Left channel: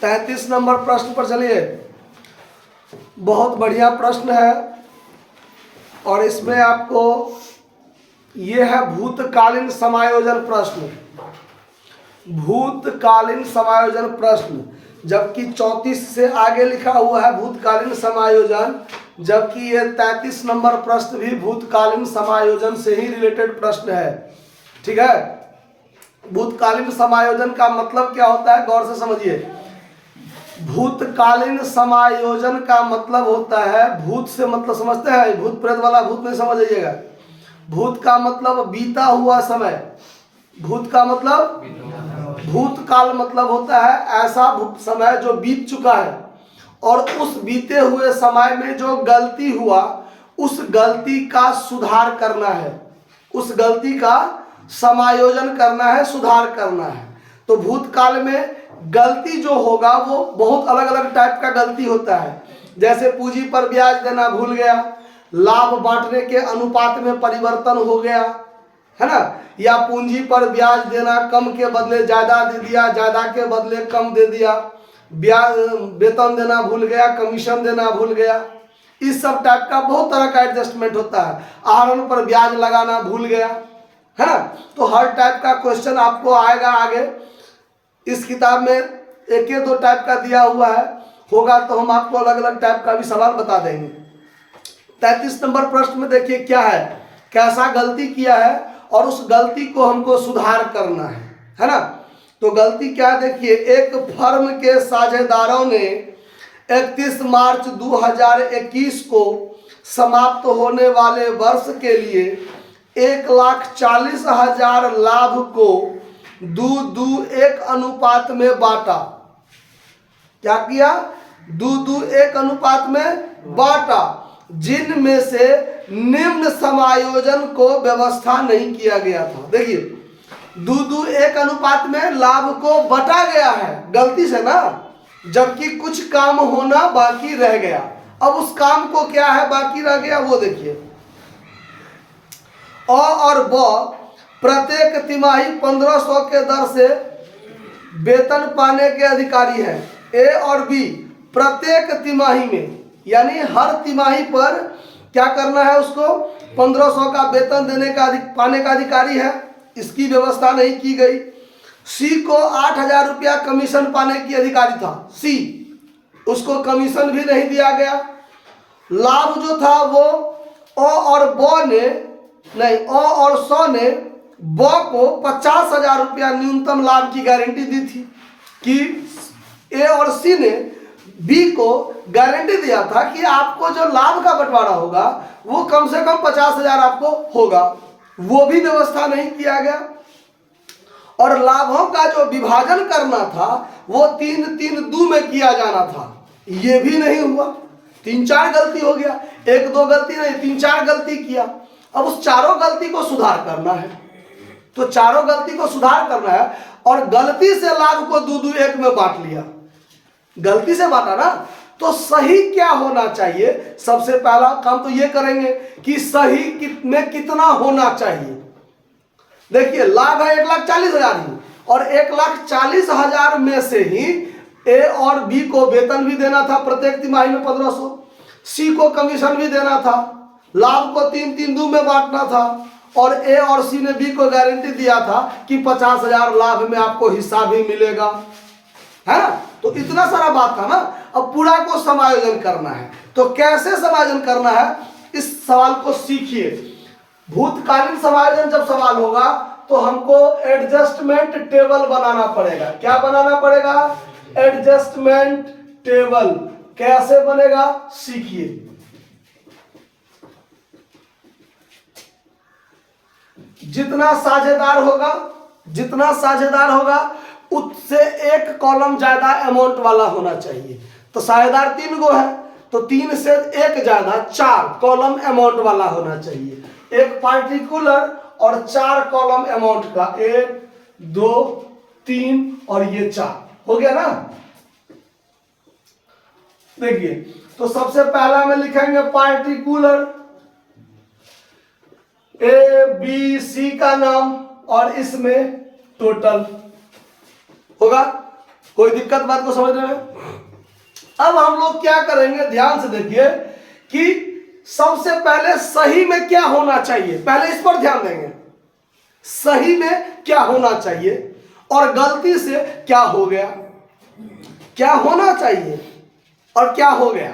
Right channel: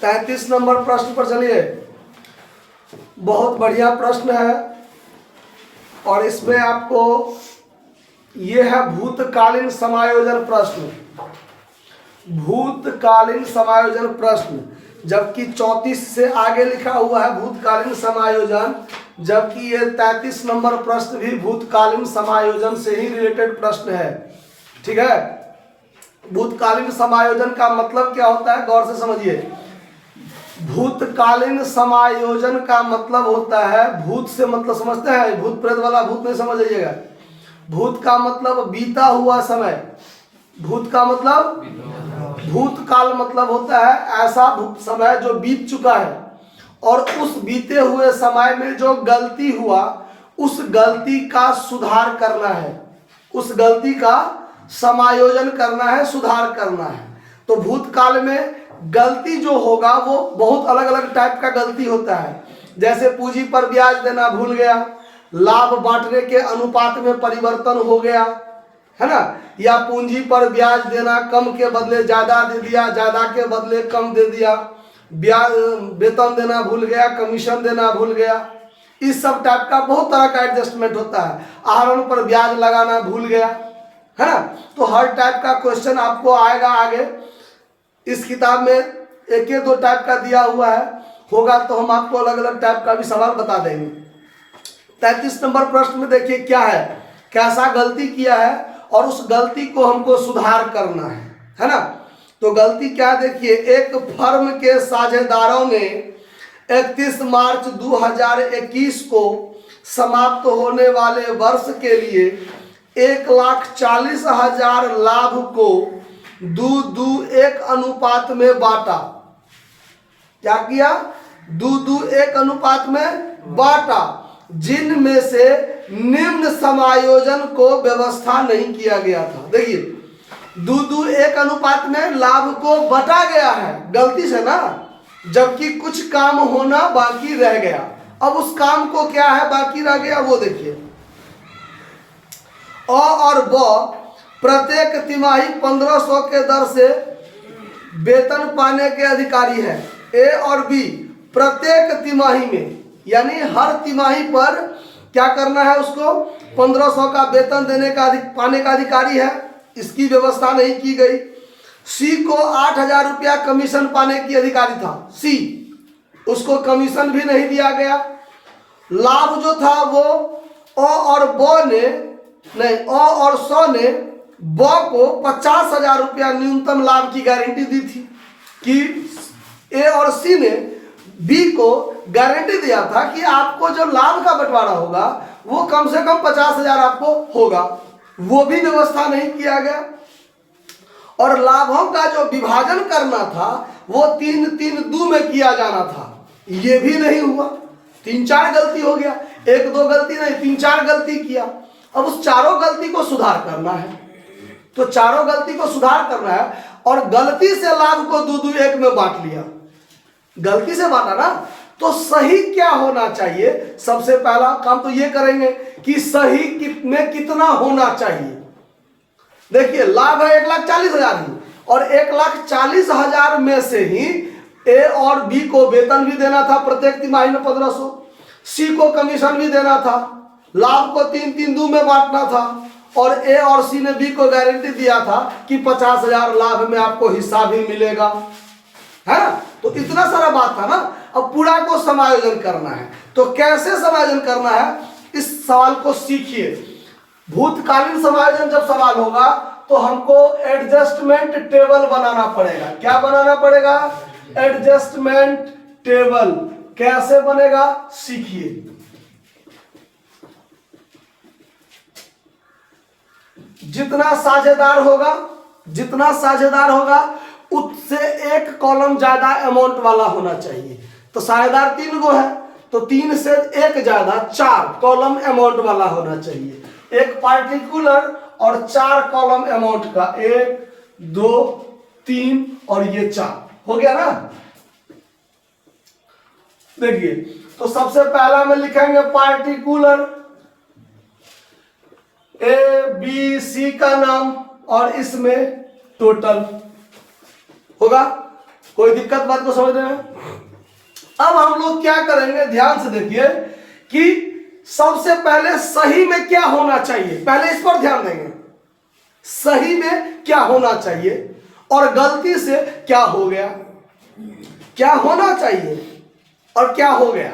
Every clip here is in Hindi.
33 नंबर प्रश्न पर चलिए। बहुत बढ़िया प्रश्न है और इसमें आपको ये है भूतकालीन समायोजन प्रश्न। भूतकालीन समायोजन प्रश्न, जबकि 34 से आगे लिखा हुआ है भूतकालीन समायोजन, जबकि ये 33 नंबर प्रश्न भी भूतकालीन समायोजन से ही रिलेटेड प्रश्न है। ठीक है, भूतकालीन समायोजन का मतलब क्या होता है, गौर से समझिए। भूतकालीन समायोजन का मतलब होता है, भूत से मतलब समझते हैं, भूत प्रेत वाला भूत नहीं समझ लीजिएगा। भूत का मतलब बीता हुआ समय, भूत का मतलब भूतकाल मतलब होता है ऐसा समय जो बीत चुका है और उस बीते हुए समय में जो गलती हुआ उस गलती का सुधार करना है, उस गलती का समायोजन करना है, सुधार करना है। तो भूतकाल में गलती जो होगा वो बहुत अलग अलग टाइप का गलती होता है। जैसे पूंजी पर ब्याज देना भूल गया, लाभ बांटने के अनुपात में परिवर्तन हो गया, है ना, या पूंजी पर ब्याज देना कम के बदले ज्यादा दे दिया, ज्यादा के बदले कम दे दिया, ब्याज वेतन देना भूल गया, कमीशन देना भूल गया। इस सब टाइप का बहुत तरह का एडजस्टमेंट होता है। आहरण पर ब्याज लगाना भूल गया, है ना। तो हर टाइप का क्वेश्चन आपको आएगा आगे। इस किताब में एक या दो टाइप का दिया हुआ है, होगा तो हम आपको अलग अलग टाइप का भी सवाल बता देंगे। 33 नंबर प्रश्न में देखिए क्या है, कैसा गलती किया है और उस गलती को हमको सुधार करना है ना। तो गलती क्या है देखिए, एक फर्म के साझेदारों ने 31 मार्च 2021 को समाप्त होने वाले वर्ष के लिए 1,40,000 लाभ को 2:1 अनुपात में बांटा। क्या किया, 2:1 अनुपात में बांटा, जिनमें से निम्न समायोजन को व्यवस्था नहीं किया गया था। देखिए 2:1 अनुपात में लाभ को बटा गया है गलती से ना, जबकि कुछ काम होना बाकी रह गया। अब उस काम को क्या है बाकी रह गया वो देखिए। अ और ब प्रत्येक तिमाही 1500 के दर से वेतन पाने के अधिकारी हैं। ए और बी प्रत्येक तिमाही में, यानी हर तिमाही पर क्या करना है, उसको 1500 का वेतन देने का पाने का अधिकारी है। इसकी व्यवस्था नहीं की गई। सी को 8,000 रुपया कमीशन पाने की अधिकारी था, सी, उसको कमीशन भी नहीं दिया गया। लाभ जो था वो अ और ब ने नहीं, अ और स ने ब को 50,000 रुपया न्यूनतम लाभ की गारंटी दी थी कि ए और सी ने बी को गारंटी दिया था कि आपको जो लाभ का बंटवारा होगा वो कम से कम 50,000 आपको होगा। वो भी व्यवस्था नहीं किया गया। और लाभों का जो विभाजन करना था वो 3-3-2 में किया जाना था, ये भी नहीं हुआ। 3-4 गलती हो गया, 1-2 गलती नहीं, 3-4 गलती किया। अब उस चारों गलती को सुधार करना है, तो चारों गलती को सुधार करना है और गलती से लाभ को 2:1 में बांट लिया। गलती से बांटा ना, तो सही क्या होना चाहिए, सबसे पहला काम तो ये करेंगे कि सही में कितना होना चाहिए। देखिए लाभ है 1,40,000 ही, और 1,40,000 में से ही ए और बी को वेतन भी देना था प्रत्येक तिमाही में 1500, सी को कमीशन भी देना था, लाभ को 3-3-2 में बांटना था, और ए और सी ने बी को गारंटी दिया था कि 50,000 लाभ में आपको हिस्सा भी मिलेगा, है ना। तो इतना सारा बात था ना। अब पूरा को समायोजन करना है, तो कैसे समायोजन करना है इस सवाल को सीखिए। भूतकालीन समायोजन जब सवाल होगा तो हमको एडजस्टमेंट टेबल बनाना पड़ेगा। क्या बनाना पड़ेगा, एडजस्टमेंट टेबल। कैसे बनेगा सीखिए। जितना साझेदार होगा उससे एक कॉलम ज्यादा अमाउंट वाला होना चाहिए। तो साझेदार 3 गो है तो 3 से 1 ज्यादा 4 कॉलम अमाउंट वाला होना चाहिए। एक पार्टिकुलर और 4 कॉलम अमाउंट का, 1 2 3 और ये 4 हो गया ना। देखिए तो सबसे पहला में लिखेंगे पार्टिकुलर, ए बी सी का नाम और इसमें टोटल होगा। कोई दिक्कत बात को समझने में? अब हम लोग क्या करेंगे, ध्यान से देखिए कि सबसे पहले सही में क्या होना चाहिए, पहले इस पर ध्यान देंगे। सही में क्या होना चाहिए और गलती से क्या हो गया, क्या होना चाहिए और क्या हो गया।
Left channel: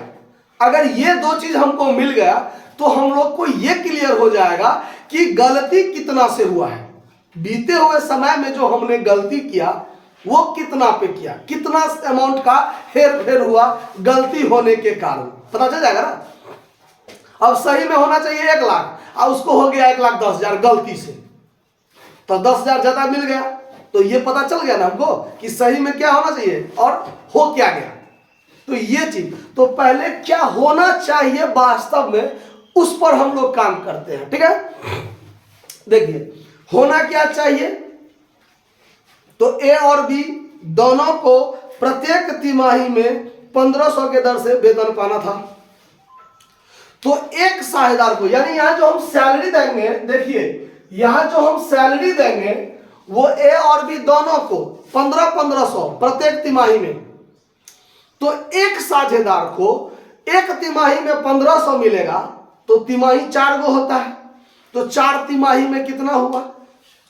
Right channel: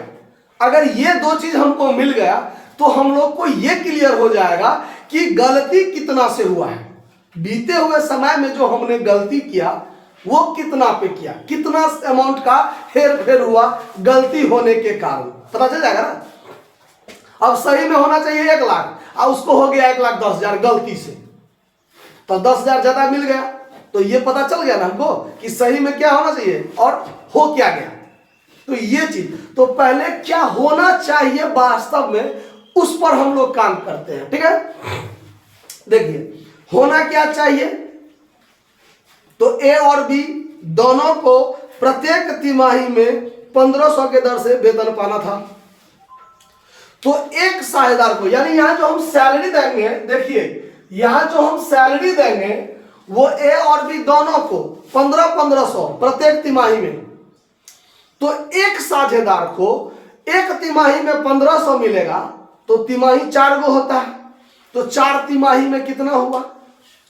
अगर ये दो चीज हमको मिल गया तो हम लोग को ये क्लियर हो जाएगा कि गलती कितना से हुआ है, बीते हुए समय में जो हमने गलती किया वो कितना पे किया, कितना अमाउंट का हेर फेर हुआ गलती होने के कारण, पता चल जाएगा ना। अब सही में होना चाहिए 1 लाख और उसको हो गया 1,10,000 गलती से, तो 10,000 ज्यादा मिल गया, तो ये पता चल गया ना हमको कि सही में क्या होना चाहिए और हो क्या गया। तो ये चीज, तो पहले क्या होना चाहिए वास्तव में, उस पर हम लोग काम करते हैं, ठीक है। देखिए होना क्या चाहिए, तो ए और बी दोनों को प्रत्येक तिमाही में 1500 के दर से वेतन पाना था। तो एक साझेदार को, यानी यहां जो हम सैलरी देंगे, देखिए यहां जो हम सैलरी देंगे वो ए और बी दोनों को 1500 प्रत्येक तिमाही में। तो एक साझेदार को एक तिमाही में 1500 मिलेगा, तो तिमाही 4 गो होता है, तो 4 तिमाही में कितना हुआ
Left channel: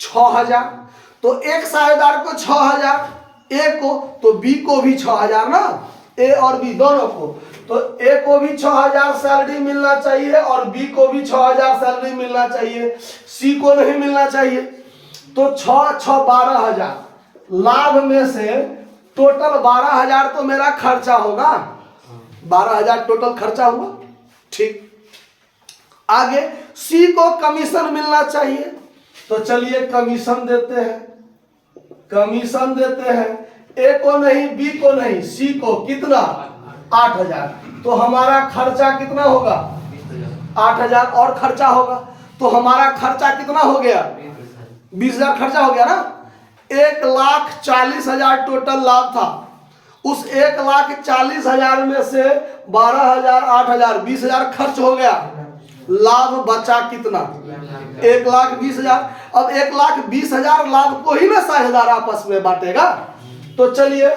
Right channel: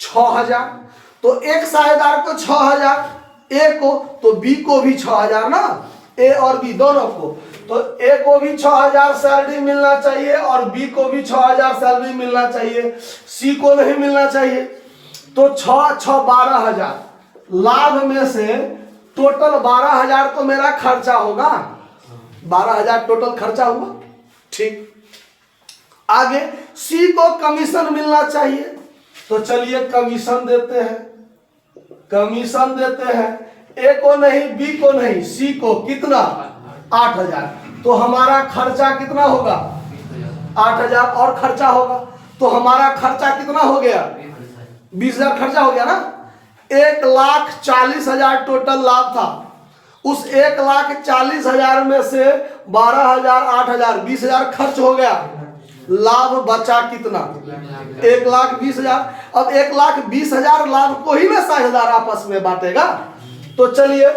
6000। तो एक साझेदार को 6000, ए को, तो बी को भी 6000 ना, ए और बी दोनों को। तो ए को भी 6000 सैलरी मिलना चाहिए और बी को भी 6000 सैलरी मिलना चाहिए, सी को नहीं मिलना चाहिए। तो 6 6 12,000, लाभ में से टोटल 12,000 तो मेरा खर्चा होगा, 12,000 टोटल खर्चा हुआ, ठीक। आगे सी को कमीशन मिलना चाहिए, तो चलिए कमीशन देते हैं, कमीशन देते हैं, ए को नहीं, बी को नहीं, सी को, कितना 8,000। तो हमारा खर्चा कितना होगा 8,000 और खर्चा होगा, तो हमारा खर्चा कितना हो गया 20,000 खर्चा हो गया ना। 1,40,000 टोटल लाभ था, उस 1,40,000 में से 12,000 8,000 20,000 खर्च हो गया, लाभ बचा कितना 1,20,000। अब 1,20,000 लाभ को ही ना साझेदार आपस में बांटेगा। तो चलिए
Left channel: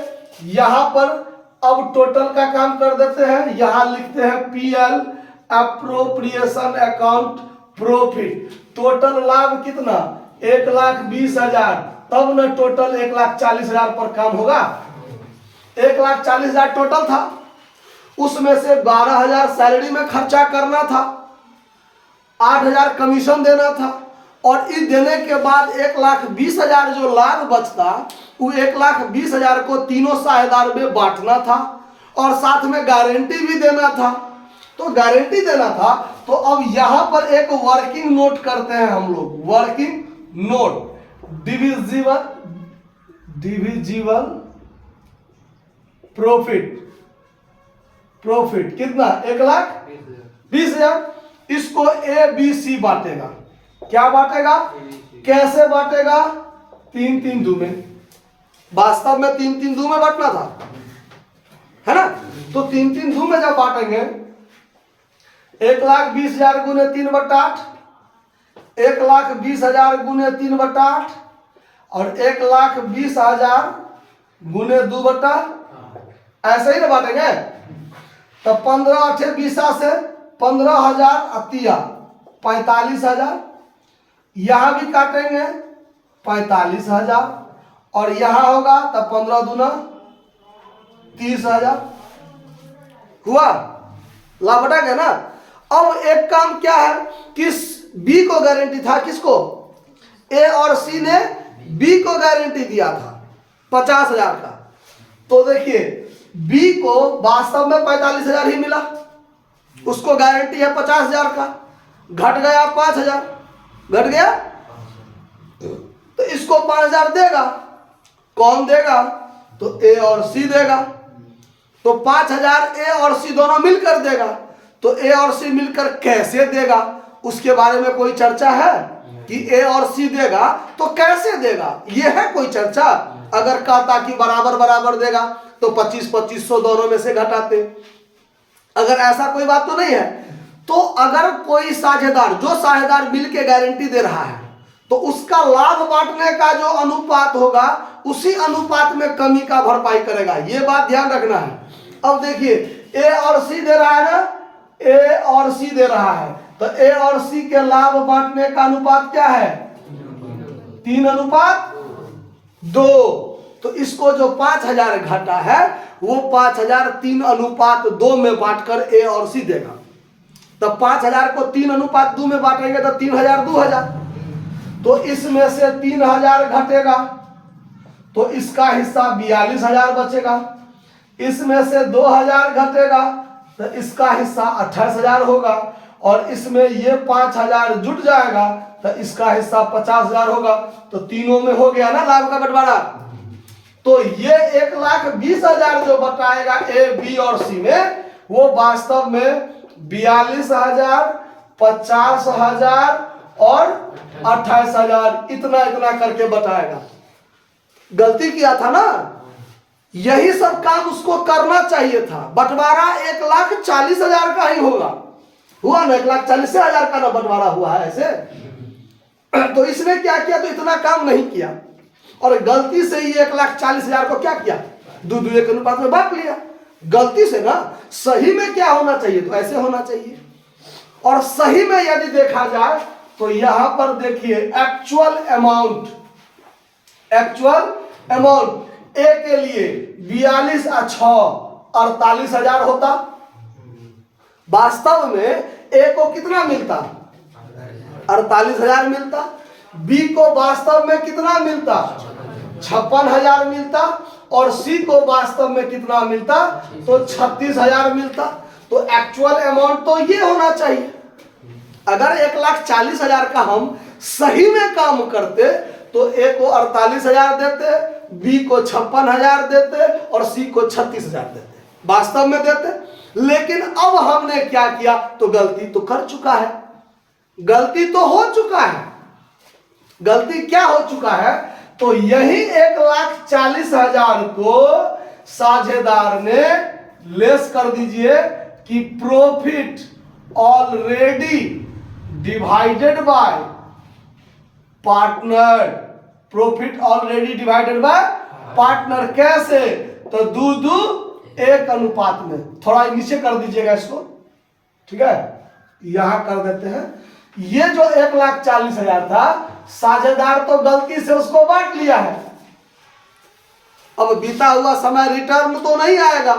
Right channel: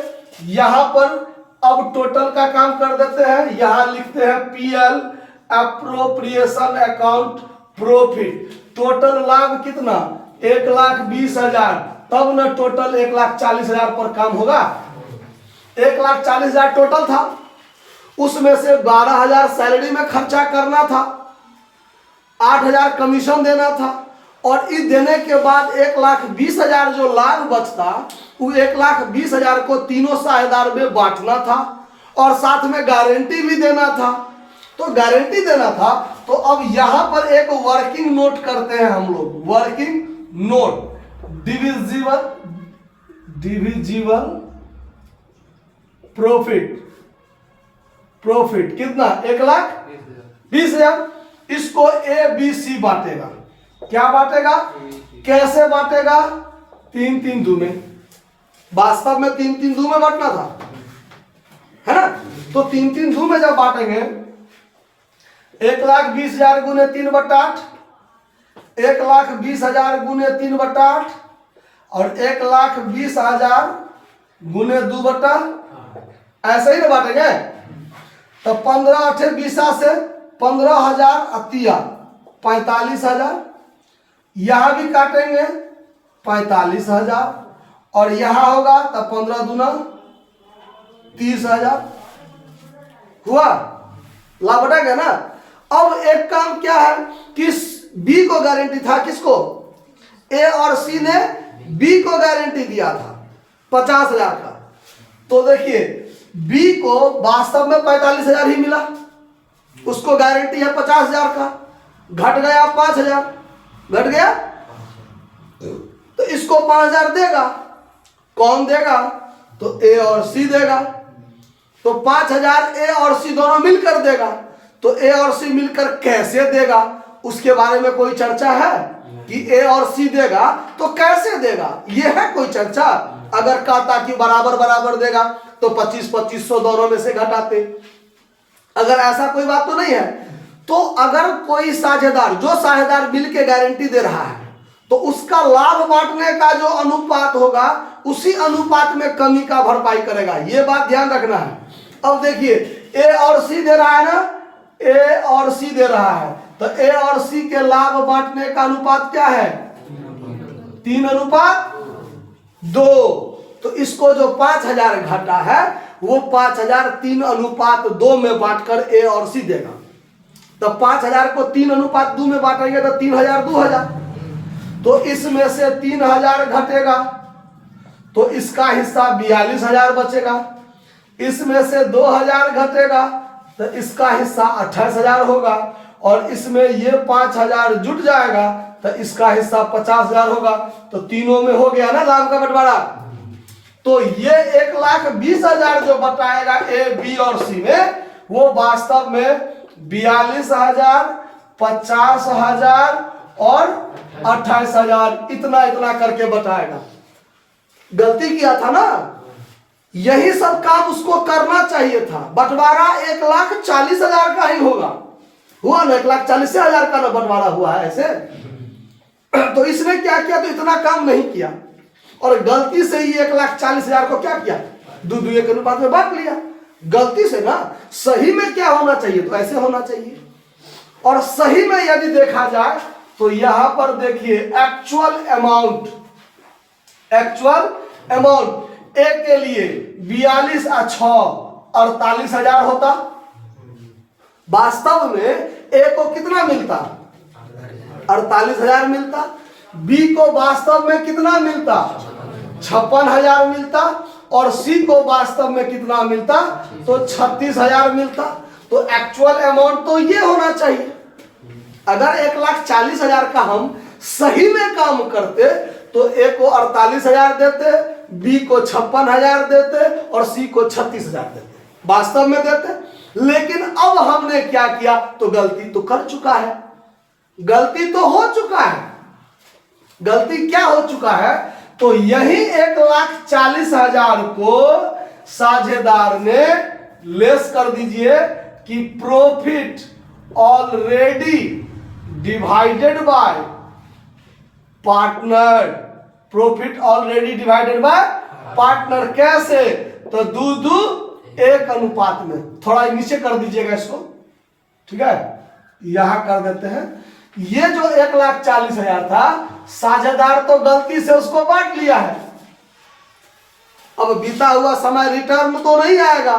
यहां पर अब टोटल का काम कर देते हैं, यहां लिखते हैं PL appropriation account profit. Total लाभ कितना 1,20,000, तब न टोटल 1,40,000 पर काम होगा। 1,40,000 टोटल था, उसमें से 12,000 सैलरी में खर्चा करना था, 8,000 कमीशन देना था, और इस देने के बाद 1,20,000 जो लाभ बचता वो 1,20,000 को तीनों साझेदार में बांटना था और साथ में गारंटी भी देना था। तो गारंटी देना था, तो अब यहां पर एक वर्किंग नोट करते हैं हम लोग, working note divisible profit, profit कितना 1,20,000। इसको ए बी सी बांटेगा, क्या बांटेगा, कैसे बांटेगा 3-3 दो में, वास्तव में 3-3 दो में बांटना था, है ना। तो 3-3 दो में जब बांटेंगे 1,20,000 गुने 3/8, 1,20,000 गुने 3/8 और 1,20,000 गुने 2/8, ऐसे ही ना बांटेंगे। तो 15/8 से 15,000 45,000, यहां भी काटेंगे 45,000 और यहां होगा तो 15 दूना 30,000 हुआ, लाभ बटा गया ना। अब एक काम क्या है कि बी को गारंटी था, किसको, ए और सी ने बी को गारंटी दिया था 50,000 का। तो देखिए बी को वास्तव में 45,000 ही मिला, उसको गारंटी है 50,000 का, घट गया 5,000, घट गया, तो इसको 5,000 देगा, कौन देगा, तो ए और सी देगा। तो 5,000 ए और सी दोनों मिलकर देगा। तो ए और सी मिलकर कैसे देगा, उसके बारे में कोई चर्चा है कि ए और सी देगा तो कैसे देगा, ये है कोई चर्चा। अगर कहता कि बराबर बराबर देगा तो 25-2500 दोनों में से घटाते, अगर ऐसा कोई बात तो नहीं है। तो अगर कोई साझेदार, जो साझेदार मिल के गारंटी दे रहा है, तो उसका लाभ बांटने का जो अनुपात होगा उसी अनुपात में कमी का भरपाई करेगा। ये बात ध्यान रखना है। अब देखिए ए और सी दे रहा है ना, ए और सी दे रहा है, तो ए और सी के लाभ बांटने का अनुपात क्या है? 3:2। तो इसको जो 5000 घटा है वो 5000 3:2 में बांटकर ए और सी देगा। तब 5000 को 3:2 में बांटेंगे तो 3000 2000, तो इसमें से 3000 घटेगा तो इसका हिस्सा 42000 बचेगा। इसमें से 2000 घटेगा तो इसका हिस्सा 28000 होगा, और इसमें ये 5000 जुट जाएगा तो इसका हिस्सा 50000 होगा। तो तीनों में हो गया ना लाभ का बंटवारा। तो ये 1,20,000 जो बताएगा ए बी और सी में, वो वास्तव में 42,000, 50,000 और 28,000 इतना इतना करके बताएगा। गलती किया था ना, यही सब काम उसको करना चाहिए था। बंटवारा 1,40,000 का ही होगा, हुआ ना 1,40,000 का ना बंटवारा हुआ है ऐसे। तो इसने क्या किया? तो इतना काम नहीं किया, और गलती से ये 1,40,000 को क्या किया? 2:2 के अनुपात में बांट लिया गलती से ना। सही में क्या होना चाहिए? तो ऐसे होना चाहिए। और सही में यदि देखा जाए तो यहां पर देखिए एक्चुअल अमाउंट ए के लिए 42 और 6 48,000 होता। वास्तव में ए को कितना मिलता? 48,000 मिलता। बी को वास्तव में कितना मिलता? 56,000 मिलता। और सी को वास्तव में कितना मिलता? तो 36,000 मिलता। तो एक्चुअल अमाउंट तो ये होना चाहिए। अगर 1,40,000 का हम सही में काम करते तो ए को 48,000 देते, बी को 56,000 देते और सी को 36,000 देते, वास्तव में देते। लेकिन अब हमने क्या किया? तो गलती तो कर चुका है, गलती तो हो चुका है। गलती क्या हो चुका है? तो यही 1,40,000 को साझेदार ने लेस कर दीजिए कि profit already divided by partner. Profit already divided by partner कैसे? तो 2:1 अनुपात में। थोड़ा नीचे कर दीजिएगा इसको, ठीक है, यहां कर देते हैं। ये जो 1,40,000 था, साझेदार तो गलती से उसको बांट लिया है। अब बीता हुआ समय रिटर्न तो नहीं आएगा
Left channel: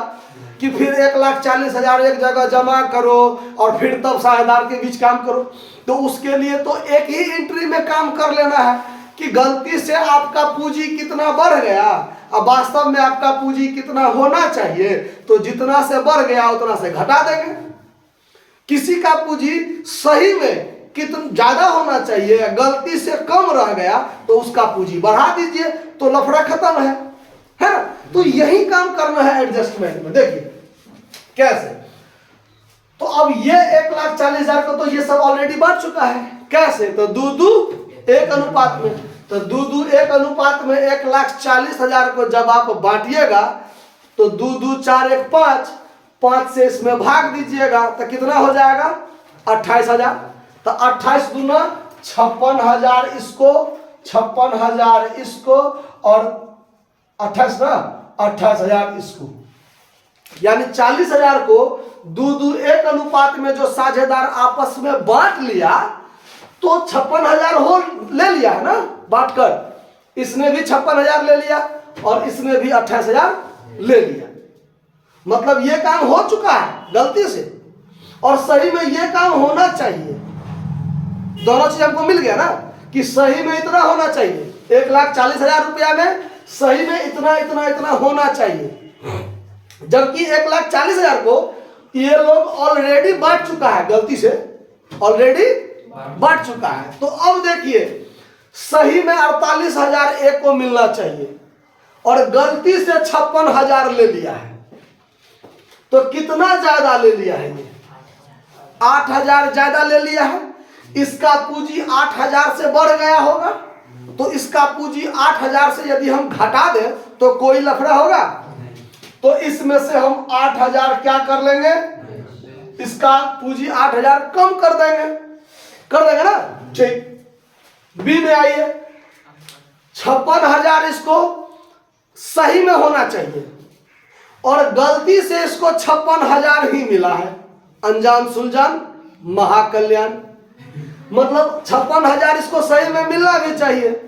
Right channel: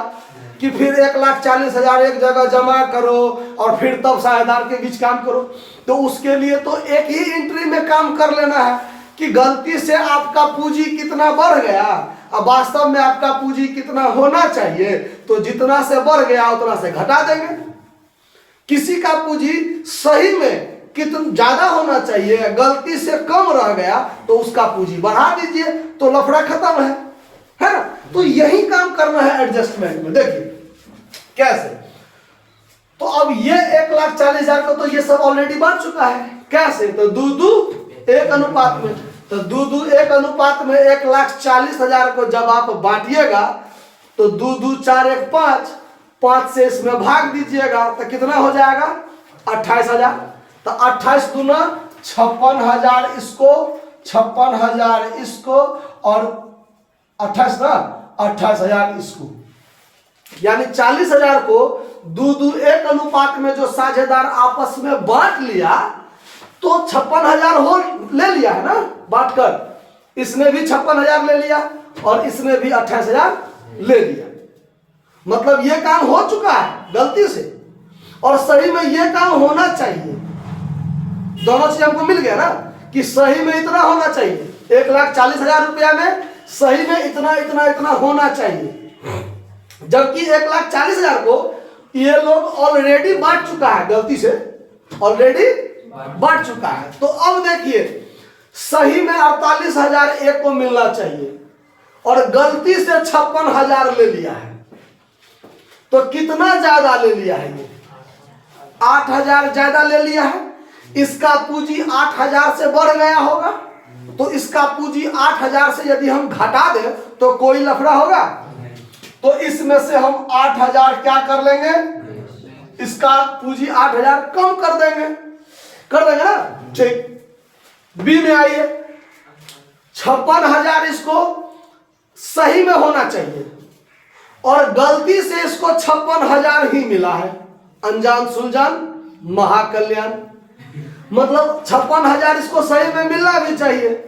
कि फिर 1,40,000 एक जगह जमा करो और फिर तब साझेदार के बीच काम करो। तो उसके लिए तो एक ही एंट्री में काम कर लेना है कि गलती से आपका पूंजी कितना बढ़ गया, अब वास्तव में आपका पूंजी कितना होना चाहिए, तो जितना से बढ़ गया उतना से घटा देंगे। किसी का पूंजी सही में कितना ज्यादा होना चाहिए, गलती से कम रह गया तो उसका पूंजी बढ़ा दीजिए, तो लफड़ा खत्म है ना। तो यही काम करना है एडजस्टमेंट में। देखिए कैसे। तो अब ये 1,40,000 को तो ये सब ऑलरेडी बढ़ चुका है। कैसे? तो 2:1 अनुपात में। तो 2:1 अनुपात में 1,40,000 को जब आप बांटिएगा तो 2 4 1 5 से इसमें भाग दीजिएगा तो कितना हो जाएगा? 28,000। तो 28 दूना 56,000 इसको, 56,000 इसको और 28 ना 28,000 इसको, यानी 40,000 को 2:1 अनुपात में जो साझेदार आपस में बांट लिया तो 56,000 हो ले लिया है ना बांटकर। इसने भी 56,000 ले लिया और इसने भी 28,000 ले लिया। मतलब ये काम हो चुका है गलती से, और सही में ये काम होना चाहिए। दोनों चीज हमको मिल गया ना कि सही में इतना होना चाहिए। 1,40,000 रुपया में सही में इतना इतना इतना होना चाहिए, जबकि 1,40,000 को ये लोग ऑलरेडी बांट चुका है, गलती से ऑलरेडी बांट चुका है। तो अब देखिए सही में 48,000 एक को मिलना चाहिए और गलती से 56,000 ले लिया है। तो कितना ज्यादा ले लिया है? ये 8,000 ज्यादा ले लिया है। इसका पूंजी 8,000 से बढ़ गया होगा, तो इसका पूंजी 8,000 से यदि हम घटा दें तो कोई लफड़ा होगा? तो इसमें से हम 8,000 क्या कर लेंगे? इसका पूंजी 8,000 कम कर देंगे ना। ठीक, बी में आइए, 56,000 इसको सही में होना चाहिए और गलती से इसको 56,000 ही मिला है। अनजान सुलझान महाकल्याण, मतलब 56,000 इसको सही में मिलना भी चाहिए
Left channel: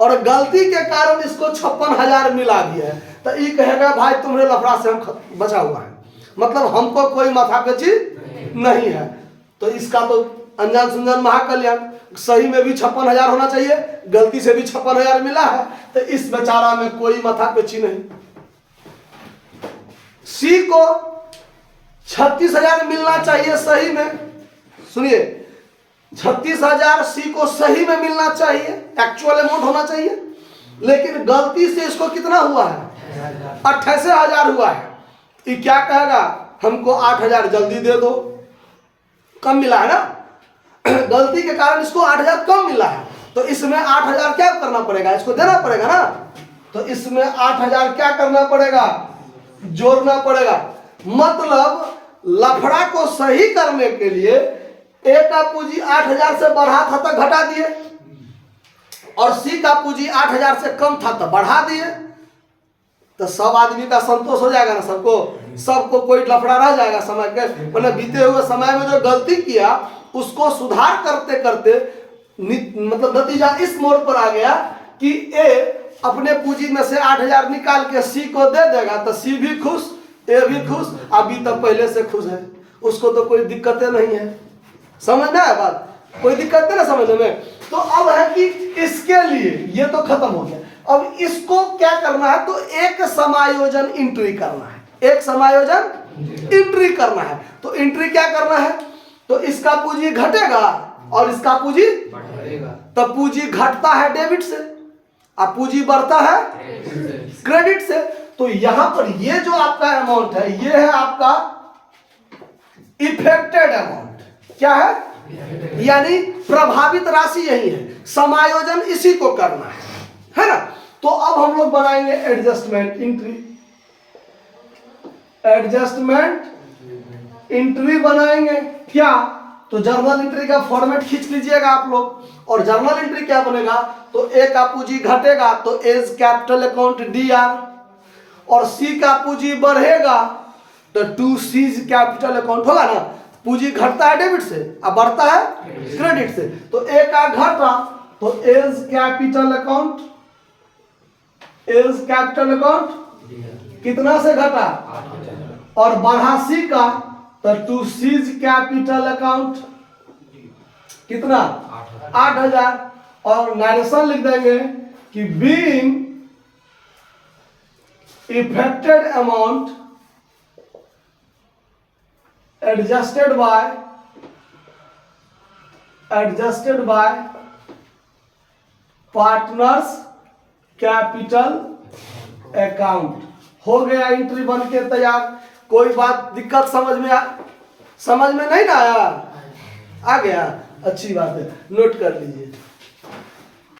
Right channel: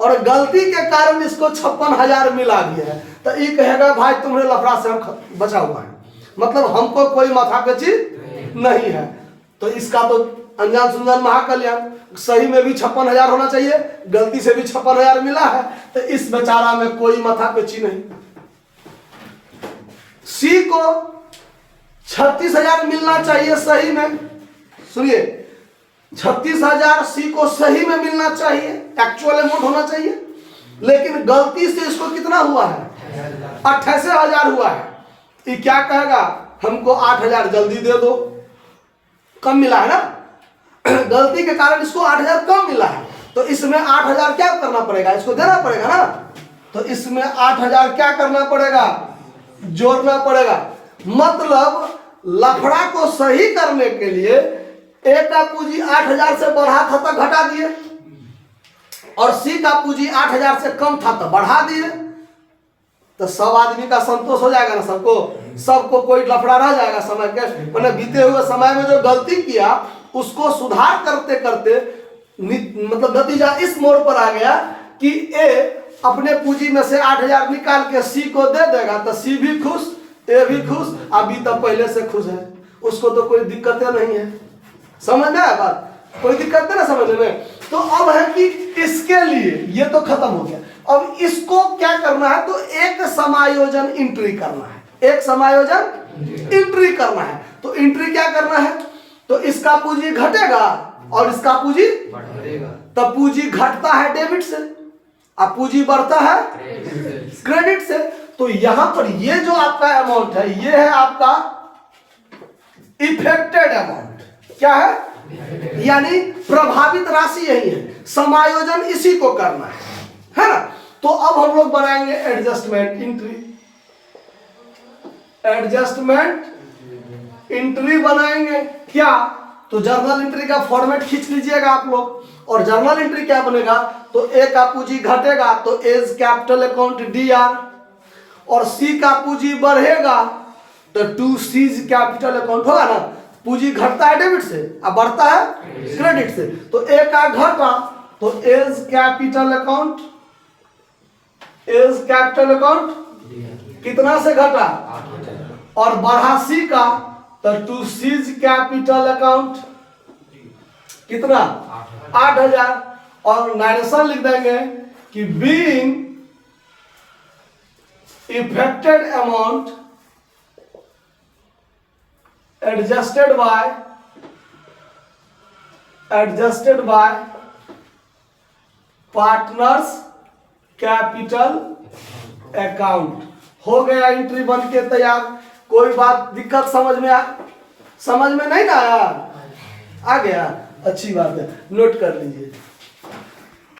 और गलती के कारण इसको 56,000 मिला भी है। तो ये कहेगा भाई तुम्हारे लफड़ा से हम बचा हुआ है, मतलब हमको कोई माथा कची नहीं है। तो इसका तो अनजान सुनजान महाकल्याण, सही में भी 56,000 होना चाहिए, गलती से भी 56,000 मिला है, तो इस बेचारा में कोई माथा कची नहीं। सी को 36,000 मिलना चाहिए सही में, सुनिए 36,000 सी को सही में मिलना चाहिए, एक्चुअल अमाउंट होना चाहिए, लेकिन गलती से इसको कितना हुआ है 88,000 हुआ है। ये क्या कहेगा, हमको 8,000 जल्दी दे दो, कम मिला है ना, गलती के कारण इसको 8,000 कम मिला है, तो इसमें 8,000 क्या करना पड़ेगा, इसको देना पड़ेगा ना, तो इसमें 8,000 क्या करना पड़ेगा, जोड़ना पड़ेगा। मतलब लफड़ा को सही करने के लिए ए का पूंजी 8,000 से बढ़ा था तो घटा दिए और सी का पूंजी 8,000 से कम था तो बढ़ा दिए, तो सब आदमी का संतोष हो जाएगा ना, सबको कोई लफड़ा रह जाएगा। समय के मैंने बीते हुए समय में जो गलती किया उसको सुधार करते करते मतलब नतीजा इस मोड़ पर आ गया कि ए अपने पूंजी में से 8,000 निकाल के सी को दे देगा, तो सी भी खुश, ए भी खुश, अभी तो पहले से खुश है, उसको तो कोई दिक्कतें नहीं है। समझ में आया बात, कोई दिक्कत नहीं ना समझने में। तो अब है कि इसके लिए ये तो खत्म हो गया, अब इसको क्या करना है, तो एक समायोजन एंट्री करना है, एक समायोजन एंट्री करना है। तो एंट्री क्या करना है, तो इसका पूंजी घटेगा और इसका पूंजी बढ़ेगा, तब पूंजी घटता है डेबिट से और पूंजी बढ़ता है क्रेडिट से। तो यहां पर ये जो आपका अमाउंट है ये है आपका इफेक्टेड अमाउंट, क्या है, यानी प्रभावित राशि यही है, समायोजन इसी को करना है ना। तो अब हम लोग बनाएंगे एडजस्टमेंट एंट्री, एडजस्टमेंट एंट्री बनाएंगे क्या, तो जर्नल एंट्री का फॉर्मेट खींच लीजिएगा आप लोग, और जर्नल एंट्री क्या बनेगा, तो ए का पूंजी घटेगा तो एज कैपिटल अकाउंट डीआर, और सी का पूंजी बढ़ेगा तो टू सीज कैपिटल अकाउंट होगा ना, पूंजी घटता है डेबिट से अब बढ़ता है क्रेडिट से, तो ए का घटा तो as capital account, as capital account कितना से घटा, और बढ़ा सी का तो टू सीज कैपिटल अकाउंट कितना 8,000, और नरेशन लिख देंगे कि being affected amount adjusted bye partners capital account. हो गया एंट्री बन के तैयार। कोई बात दिक्कत समझ में नहीं ना आया, आ गया, अच्छी बात है, नोट कर लीजिए।